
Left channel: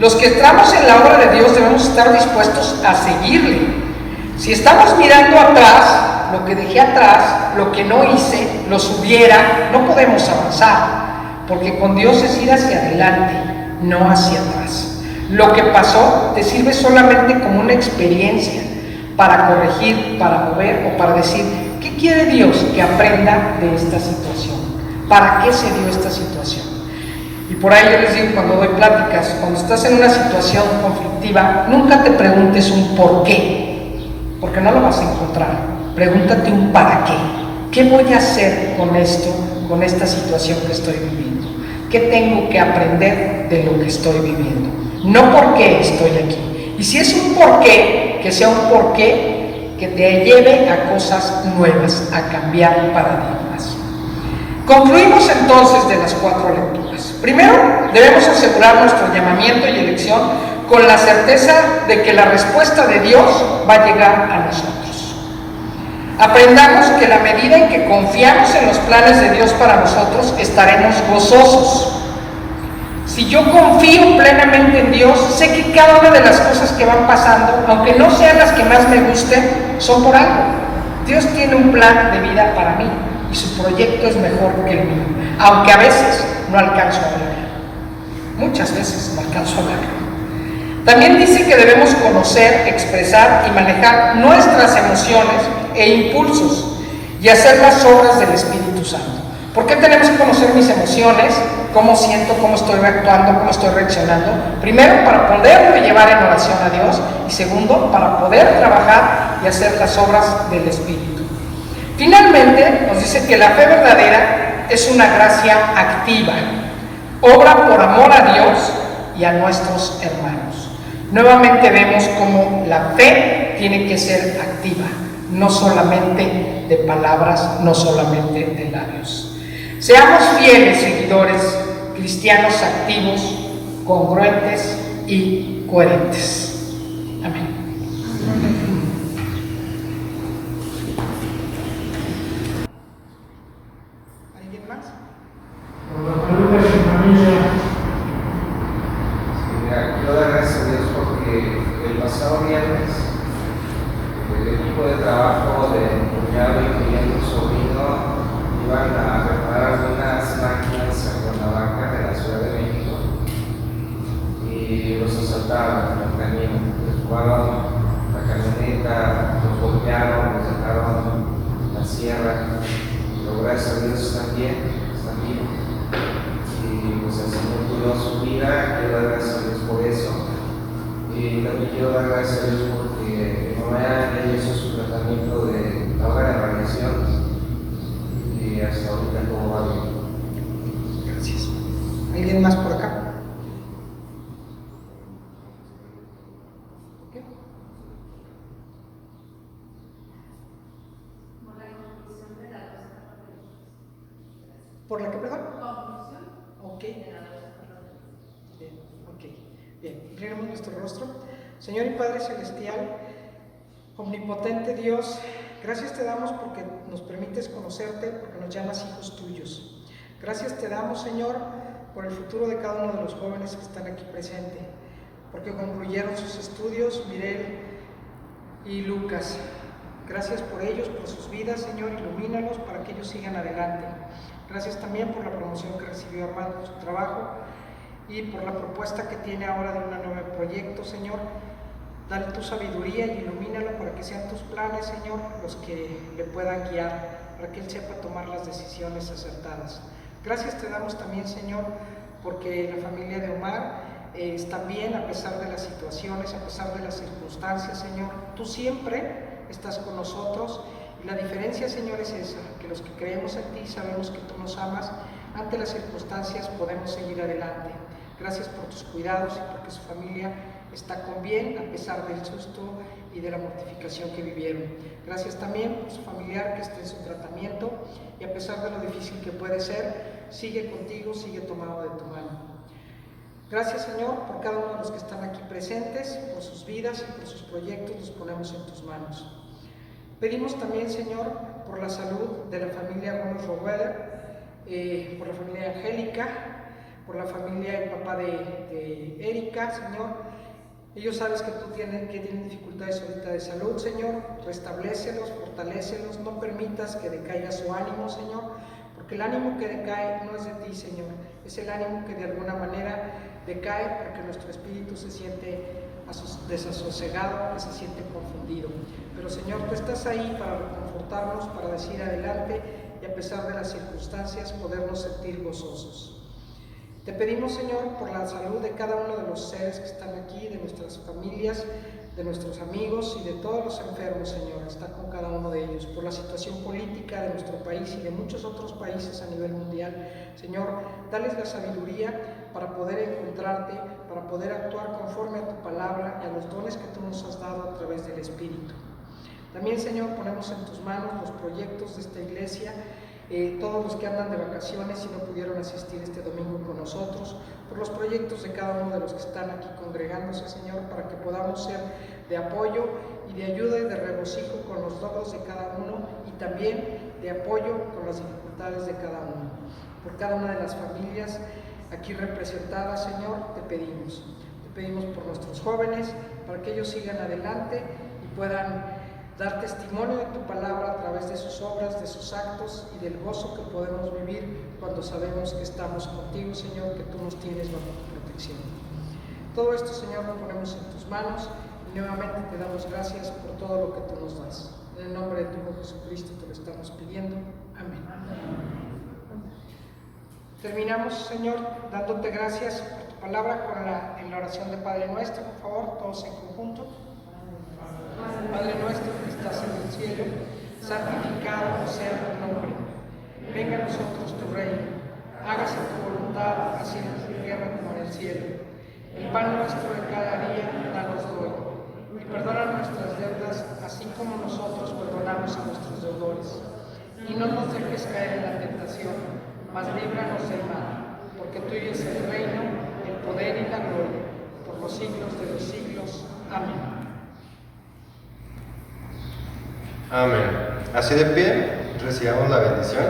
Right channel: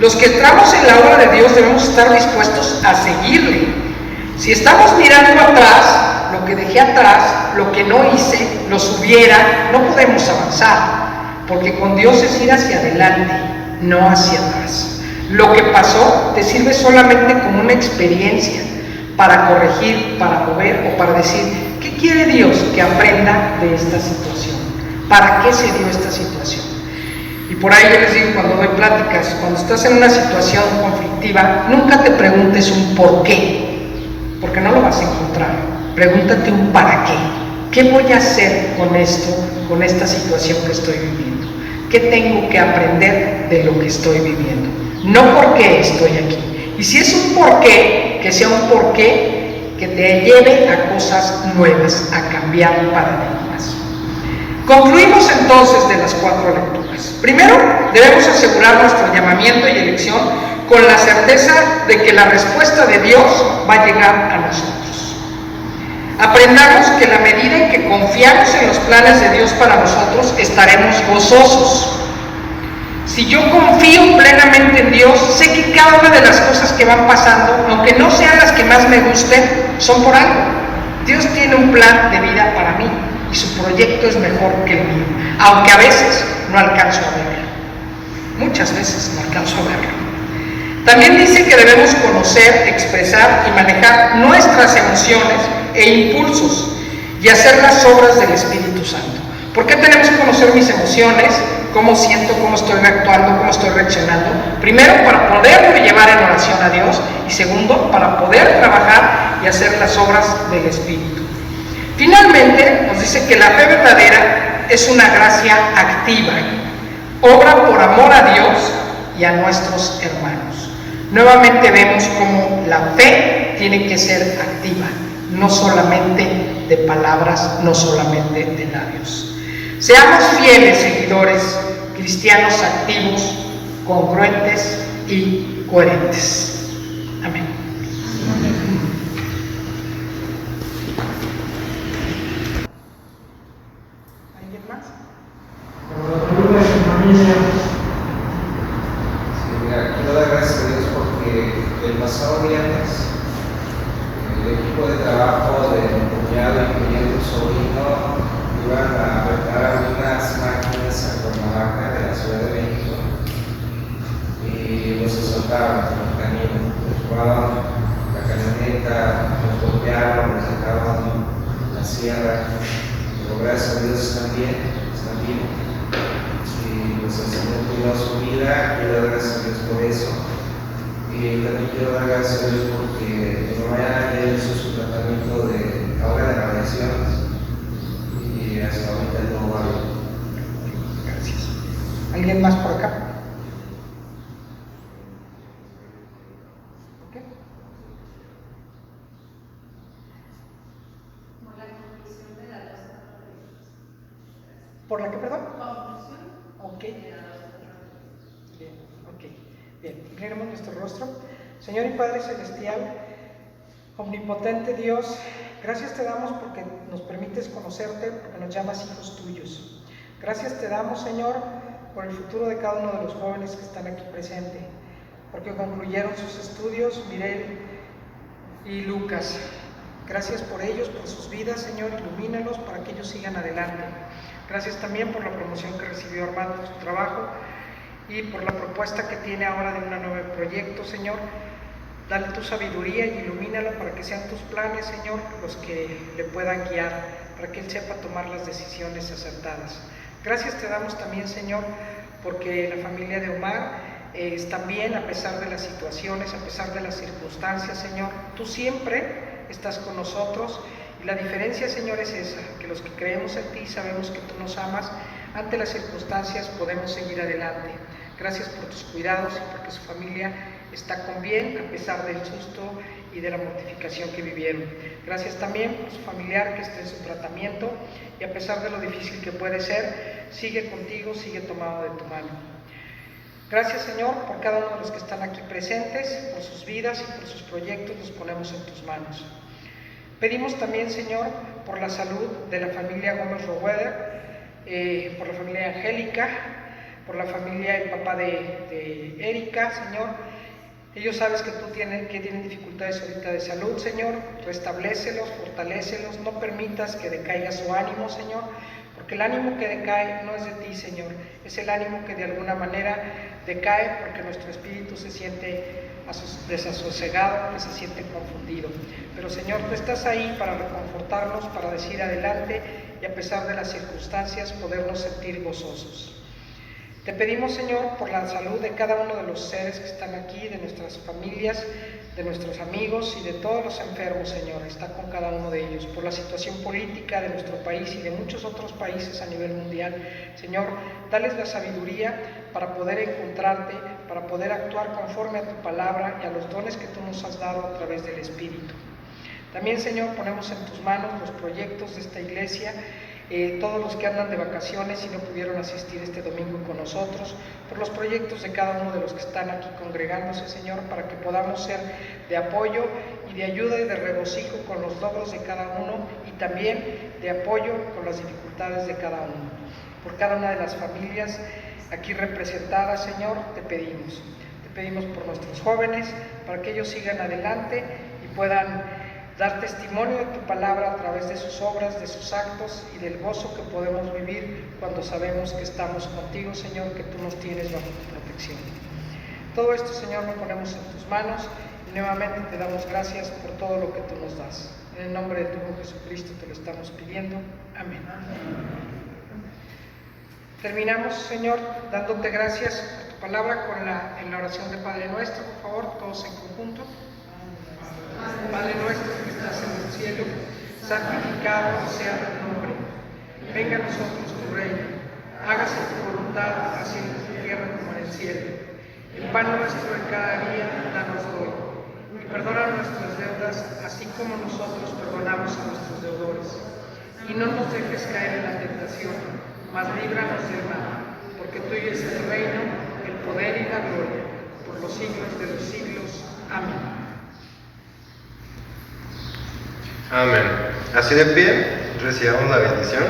Los que entramos en la obra de Dios debemos estar dispuestos a seguirle. Si estamos mirando atrás, lo que dejé atrás, lo que no hice, lo subiera, no podemos avanzar, porque con Dios es ir hacia adelante, no hacia atrás. Lo que pasó te sirve solamente como una experiencia para corregir, para mover o para decir: ¿qué quiere Dios que aprenda de esta situación? ¿Para qué se dio esta situación? Y por ahí yo les digo, cuando doy pláticas, cuando estás en una situación conflictiva, nunca te preguntes un por qué, porque no lo vas a encontrar. Pregúntate un para qué. ¿Qué voy a hacer con esto, con esta situación que estoy viviendo? ¿Qué tengo que aprender de lo que estoy viviendo? No por qué estoy aquí. Y si es un por qué, que sea un por qué que te lleve a cosas nuevas, a cambiar paradigmas. Concluimos entonces de las 4 lecturas. Primero, debemos asegurar nuestro llamamiento y elección con la certeza de que la respuesta de Dios va a llegar a nosotros. Aprendamos que en la medida en que confiamos en los planes de Dios para nosotros, estaremos gozosos. Si yo confío plenamente en Dios, sé que cada una de las cosas que van pasando, aunque no sean las que más me gusten, son por algo. Dios tiene un plan de vida para mí y su proyecto es mejor que el mío, aunque a veces no alcanzo a verlo. Muchas veces no alcanzo a verlo. También dice que debemos conocer, expresar y manejar nuestras emociones e impulsos y hacer las obras del Espíritu Santo. ¿Por qué tenemos que conocer mis emociones? ¿Cómo siento? ¿Cómo estoy actuando? ¿Cómo estoy reaccionando? Primero, para poderme llevar en oración a Dios, y segundo, para poder trabajar y hacer las obras del Espíritu. Finalmente, nos dice que la fe verdadera es una gracia activa, obra por amor a Dios y a nuestros hermanos. Nuevamente vemos cómo la fe tiene que ser activa, no solamente de palabras, no solamente de labios. Seamos fieles seguidores, cristianos activos, congruentes y coherentes. Amén. ¿Alguien más? Mira, quiero dar gracias a Dios porque el pasado viernes el equipo de trabajo de mi cuñado, incluyendo un sobrino, iban a preparar unas máquinas en Cuernavaca de la Ciudad de México y los asaltaron en el camino, les robaron la camioneta, los golpearon, les sacaron la sierra, pero gracias a Dios están bien. Y pues el Señor cuidó su vida, quiero dar gracias a Dios por eso. Y también quiero dar gracias a Dios porque mi mamá ya hizo su tratamiento de ahora de radiación y hasta ahorita todo va bien. Gracias. ¿Alguien más por acá? ¿Okay? ¿Por la qué, perdón? Ok. Bien, ok. Bien, inclinemos nuestro rostro. Señor y Padre Celestial, omnipotente Dios, gracias te damos porque nos permites conocerte, porque nos llamas hijos tuyos. Gracias te damos, Señor, por el futuro de cada uno de los jóvenes que están aquí presentes, porque concluyeron sus estudios, Mirel y Lucas. Gracias por ellos, por sus vidas, Señor, ilumínalos para que ellos sigan adelante. Gracias también por la promoción que recibió Armando en su trabajo y por la propuesta que tiene ahora de un nuevo proyecto, Señor. Dale tu sabiduría y ilumínalo para que sean tus planes, Señor, los que le puedan guiar, para que él sepa tomar las decisiones acertadas. Gracias te damos también, Señor, porque la familia de Omar está bien a pesar de las situaciones, a pesar de las circunstancias, Señor. Tú siempre estás con nosotros y la diferencia, Señor, es esa, que los que creemos en ti sabemos que tú nos amas, ante las circunstancias podemos seguir adelante. Gracias por tus cuidados y porque su familia está con bien a pesar del susto y de la mortificación que vivieron. Gracias también por su familiar que está en su tratamiento y a pesar de lo difícil que puede ser, sigue contigo, sigue tomado de tu mano. Gracias, Señor, por cada uno de los que están aquí presentes, por sus vidas y por sus proyectos, los ponemos en tus manos. Pedimos también, Señor, por la salud de la familia Gómez Roeder, por la familia Angélica, por la familia, el papá de Erika, Señor. Ellos sabes que tienen dificultades ahorita de salud, Señor. Restablécelos, fortalécelos, no permitas que decaiga su ánimo, Señor, porque el ánimo que decae no es de ti, Señor, es el ánimo que de alguna manera decae porque nuestro espíritu se siente desasosegado, que se siente confundido. Pero, Señor, tú estás ahí para reconfortarnos, para decir adelante y a pesar de las circunstancias podernos sentir gozosos. Te pedimos, Señor, por la salud de cada uno de los seres que están aquí, de nuestras familias, de nuestros amigos y de todos los enfermos, Señor, está con cada uno de ellos, por la situación política de nuestro país y de muchos otros países a nivel mundial. Señor, dales la sabiduría para poder encontrarte, para poder actuar conforme a tu palabra y a los dones que tú nos has dado a través del Espíritu. También, Señor, ponemos en tus manos los proyectos de esta iglesia, todos los que andan de vacaciones y no pudieron asistir este domingo con nosotros, por los proyectos de cada uno de los que están aquí congregándose, Señor, para que podamos ser de apoyo y de ayuda y de regocijo con los logros de cada uno y también de apoyo con las dificultades de cada uno. Por cada una de las familias aquí representadas, Señor, te pedimos por nuestros jóvenes, para que ellos sigan adelante y puedan dar testimonio de tu palabra a través de sus obras, de sus actos y del gozo que podemos vivir cuando sabemos que estamos contigo, Señor, que tú nos tienes bajo tu protección. Todo esto, Señor, lo ponemos en tus manos y nuevamente te damos gracias por todo lo que tú nos das. En el nombre de tu Hijo Jesucristo te lo estamos pidiendo. Amén. Terminamos, Señor, dándote gracias por tu palabra en la oración de Padre Nuestro. Por favor, todos en conjunto. Padre nuestro que estás en el cielo, santificado sea tu nombre. Venga a nosotros tu reino. Hágase tu voluntad, así en la tierra como en el cielo. El pan nuestro de cada día, danos hoy. Y perdona nuestras deudas, así como nosotros perdonamos a nuestros deudores. Y no nos dejes caer en la tentación, mas líbranos del mal. Porque tuyo es el reino, el poder y la gloria, por los siglos de los siglos. Amén. Amén. Así de pie, recibamos la bendición.